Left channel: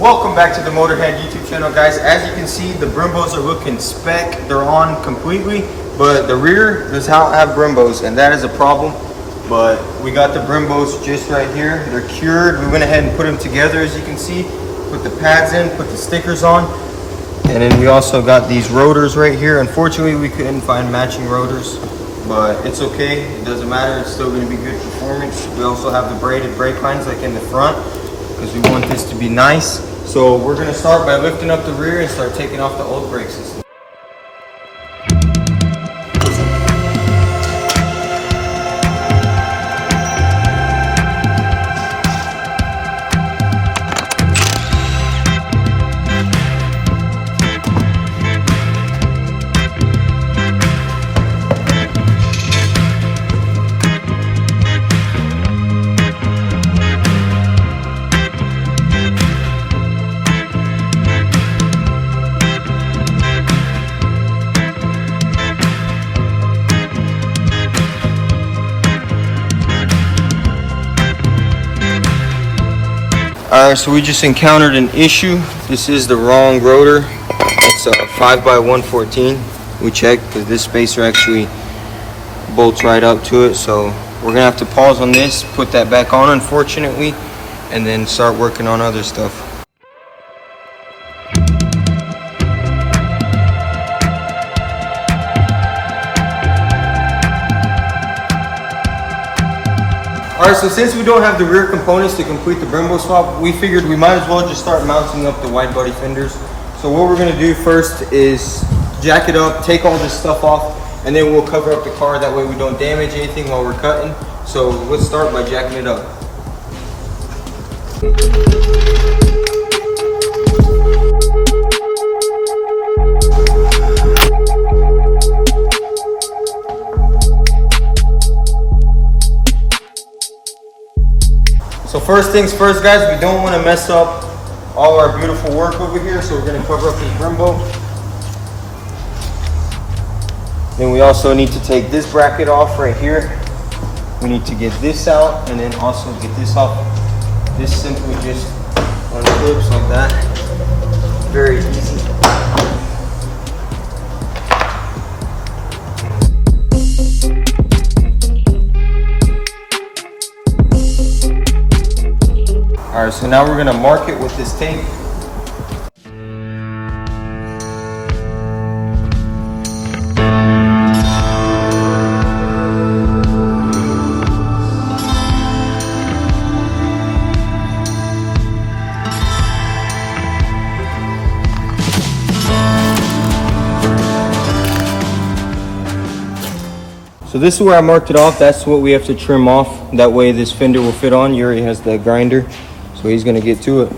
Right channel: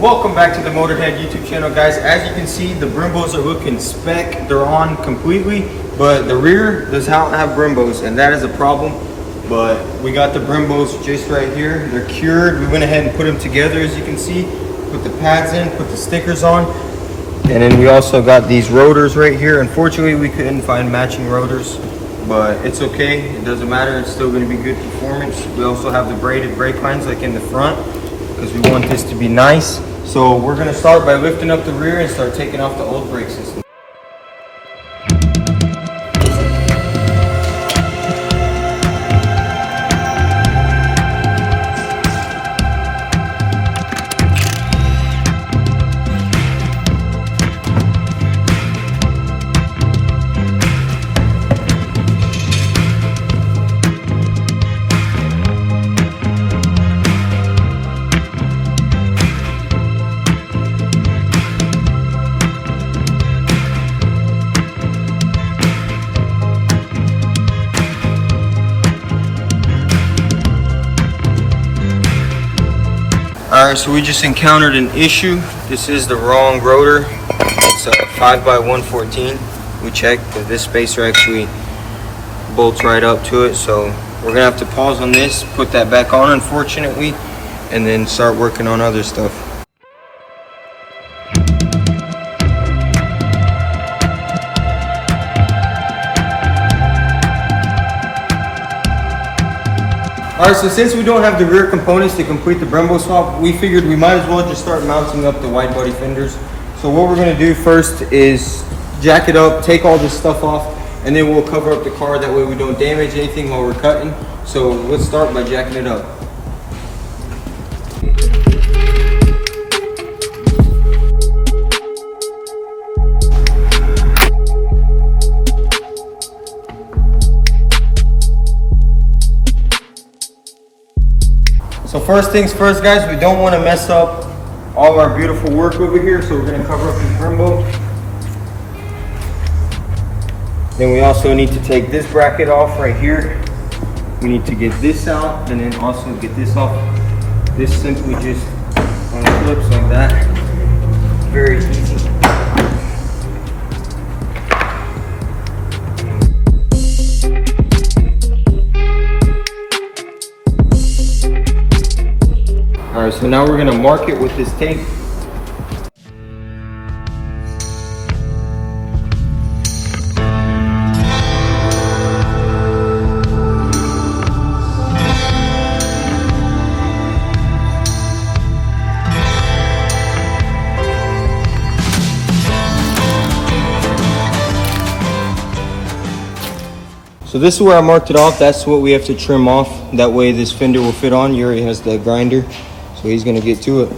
Welcome back to the Motorhead YouTube channel, guys. As you can see, the Brimbos are looking spec. They're on completely, but the rear does not have Brimbos, and that is a problem. But we got the Brimbos just right here. They're cured. We went ahead and put them together, as you can see. Put the pads in, put the stickers on. And then we also got these rotors right here. Unfortunately, we couldn't find matching rotors, but it's okay. It doesn't matter. It's still going to be good performance. We also have the braided brake lines like in the front because we want this to be nice. So we're going to start by lifting up the rear and start taking off the old brake system. Alright, so we just encountered an issue. This is the wrong rotor. It's a 5x114. We checked because this spacer actually bolts right up to it. So we're gonna have to pause on this, put that back on unfortunately, and then start working on other stuff. Alright, so since we don't have the rear components to complete the Brembo swap, we figured we might as well just start mounting up the wide body fenders. So what we're going to do first is jack it up, take all this stuff off, and then we'll cover up the car. That way we don't damage anything while we're cutting. So let's start by jacking it up. So first things first, guys, we don't want to mess up all our beautiful work over here, so we're going to cover up this Brembo. Then we also need to take this bracket off right here. We need to get this out and then also get this off. This simply just unclips like that. Very easy. Alright, so now we're going to mark it with this tape. So this is where I marked it off. That's what we have to trim off. That way this fender will fit on. Yuri has the grinder. So he's gonna get to it.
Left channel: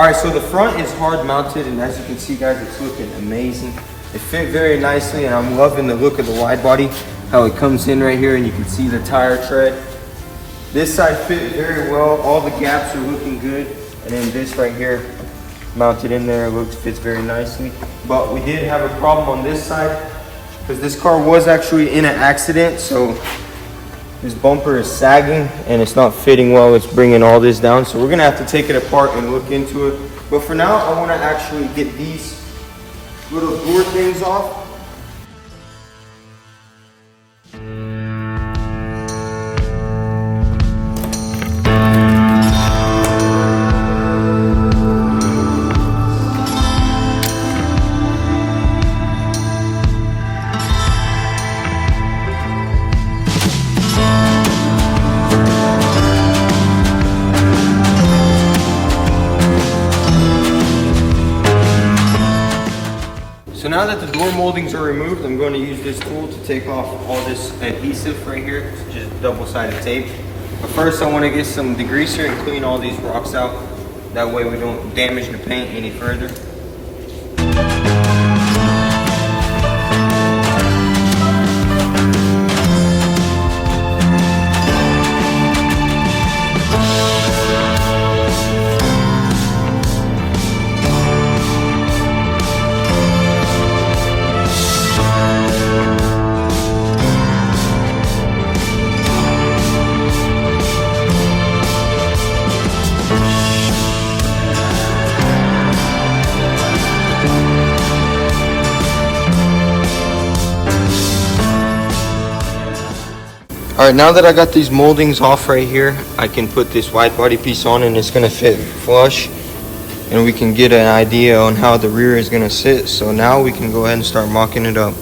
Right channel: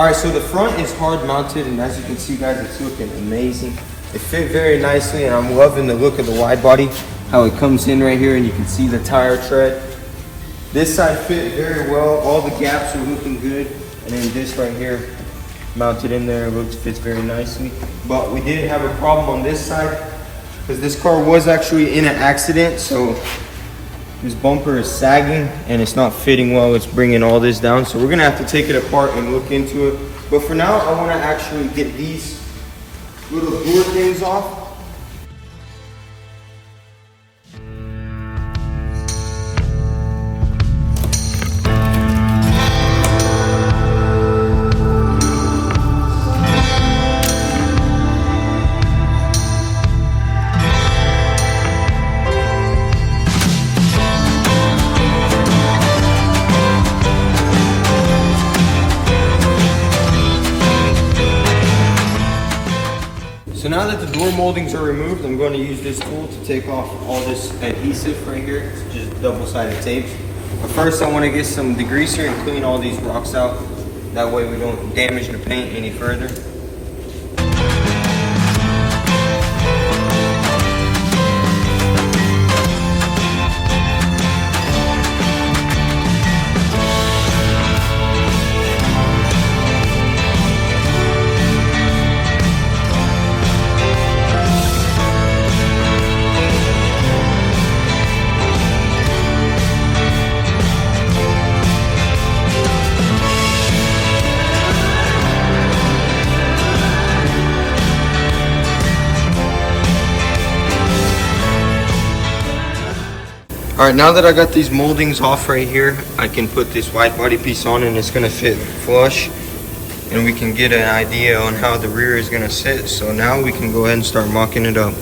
All right, so the front is hard mounted, and as you can see, guys, it's looking amazing. It fit very nicely, and I'm loving the look of the wide body, how it comes in right here, and you can see the tire tread. This side fit very well. All the gaps are looking good, and then this right here, mounted in there, fits very nicely. But we did have a problem on this side, because this car was actually in an accident, so this bumper is sagging and it's not fitting well. It's bringing all this down, so we're gonna have to take it apart and look into it. But for now, I want to actually get these little door things off. So now that the door moldings are removed, I'm going to use this tool to take off all this adhesive right here. It's just double-sided tape. But first I want to get some degreaser and clean all these rocks out. That way we don't damage the paint any further. All right, now that I got these moldings off right here, I can put this wide body piece on and it's gonna fit flush, and we can get an idea on how the rear is gonna sit. So now we can go ahead and start mocking it up.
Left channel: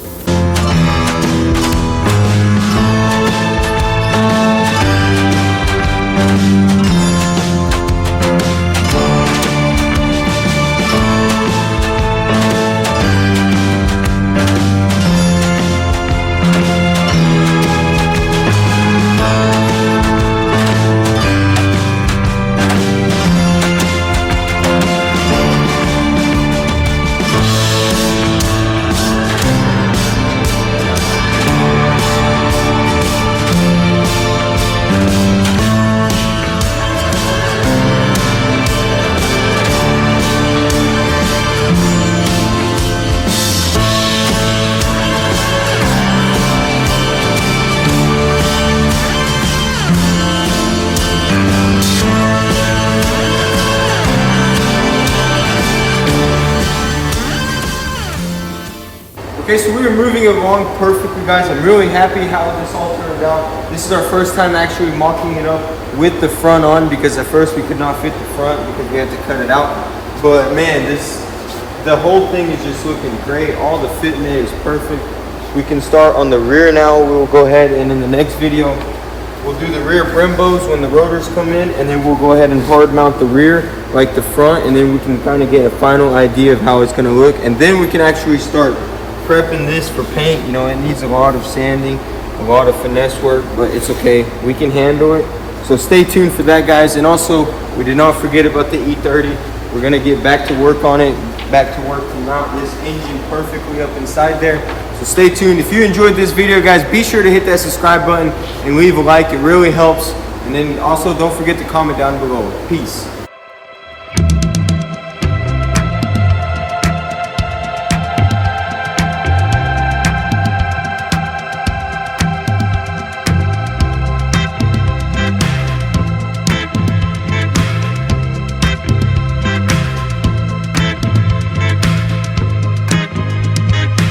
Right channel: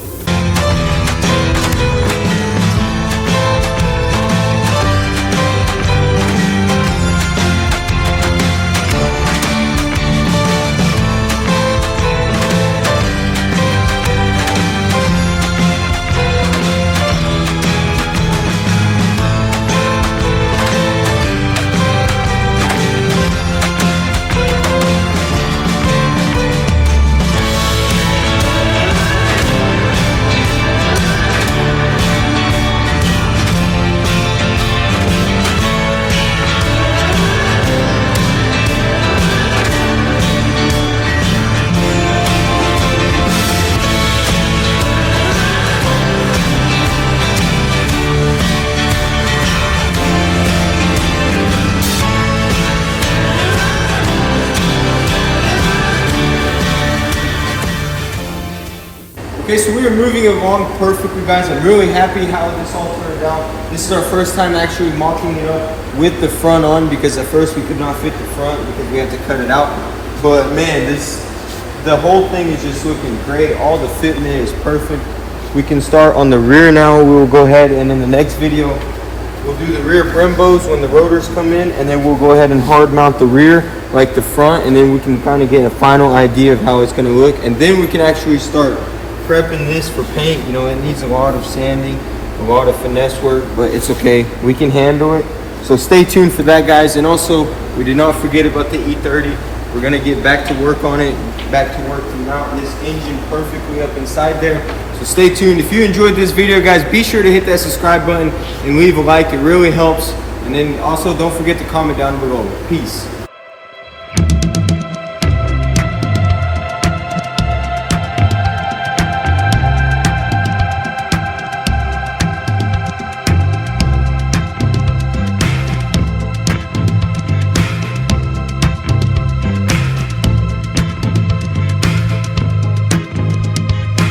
Okay, so we are moving along perfectly, guys. I'm really happy how this all turned out. This is our first time actually mocking it up with the front on, because at first we could not fit the front because we had to cut it out. But man, the whole thing is just looking great. All the fit in it is perfect. We can start on the rear now. We'll go ahead and in the next video, we'll do the rear Brembos when the rotors come in, and then we'll go ahead and hard mount the rear like the front, and then we can kind of get a final idea of how it's gonna look. And then we can actually start prepping this for paint. You know, it needs a lot of sanding, a lot of finesse work, but it's okay. We can handle it. So stay tuned for that, guys. And also, we did not forget about the E30. We're gonna get back to work on it, back to work to mount this engine perfectly up inside there. So stay tuned. If you enjoyed this video, guys, be sure to hit that subscribe button and leave a like. It really helps. And then also don't forget to comment down below. Peace.